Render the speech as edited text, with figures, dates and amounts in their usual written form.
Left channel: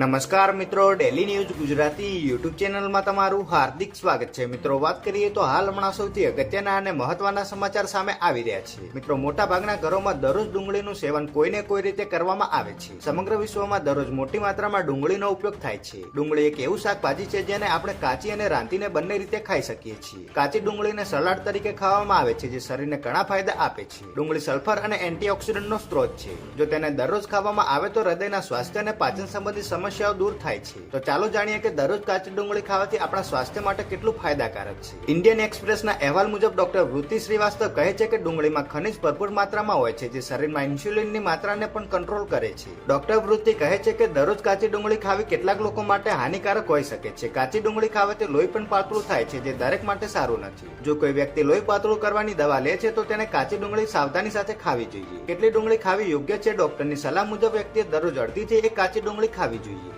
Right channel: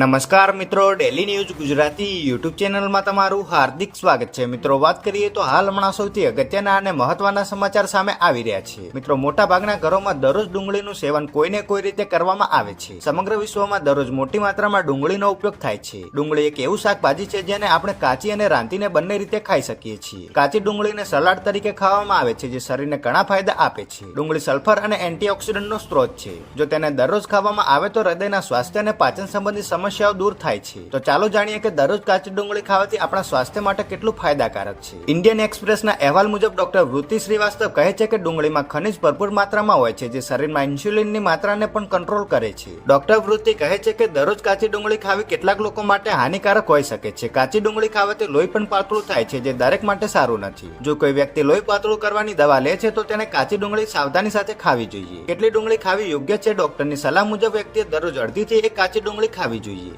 નમસ્કાર મિત્રો, daily news Gujarati YouTube ચેનલમાં તમારું હાર્દિક સ્વાગત છે. મિત્રો, વાત કરીએ તો હાલ હમણાં સૌથી અગત્યના અને મહત્વના સમાચાર સામે આવી રહ્યા છે. મિત્રો, મોટા ભાગના ઘરોમાં દરરોજ ડુંગળીનું સેવન કોઈને કોઈ રીતે કરવામાં આવે છે. સમગ્ર વિશ્વમાં દરરોજ મોટી માત્રામાં ડુંગળીનો ઉપયોગ થાય છે. ડુંગળી એક એવું શાકભાજી છે જેને આપણે કાચી અને રાંધીને બંને રીતે ખાઈ શકીએ છીએ. કાચી ડુંગળીને સલાડ તરીકે ખાવામાં આવે છે, જે શરીરને ઘણા ફાયદા આપે છે. ડુંગળી સલ્ફર અને એન્ટીઓક્સિડન્ટનો સ્ત્રોત છે. જો તેને દરરોજ ખાવામાં આવે તો હૃદયના સ્વાસ્થ્ય અને પાચન સંબંધિત સમસ્યાઓ દૂર થાય છે. તો ચાલો જાણીએ કે દરરોજ કાચી ડુંગળી ખાવાથી આપણા સ્વાસ્થ્ય માટે કેટલું ફાયદાકારક છે. ઇન્ડિયન એક્સપ્રેસના અહેવાલ મુજબ ડોક્ટર વૃત્તિ શ્રીવાસ્તવ કહે છે કે ડુંગળીમાં ખનિજ ભરપૂર માત્રામાં હોય છે, જે શરીરમાં ઇન્સ્યુલિનની માત્રાને પણ કંટ્રોલ કરે છે. ડોક્ટર વૃત્તિ કહે છે કે દરરોજ કાચી ડુંગળી ખાવી કેટલાક લોકો માટે હાનિકારક હોઈ શકે છે. કાચી ડુંગળી ખાવાથી લોહી પણ પાતળું થાય છે, જે દરેક માટે સારું નથી. જો કોઈ વ્યક્તિ લોહી પાતળું કરવાની દવા લે છે તો તેને કાચી ડુંગળી સાવધાની સાથે ખાવી જોઈએ. કેટલી ડુંગળી ખાવી યોગ્ય છે? ડોક્ટરની સલાહ મુજબ વ્યક્તિએ દરરોજ અડધીથી એક કાચી ડુંગળી ખાવી જોઈએ.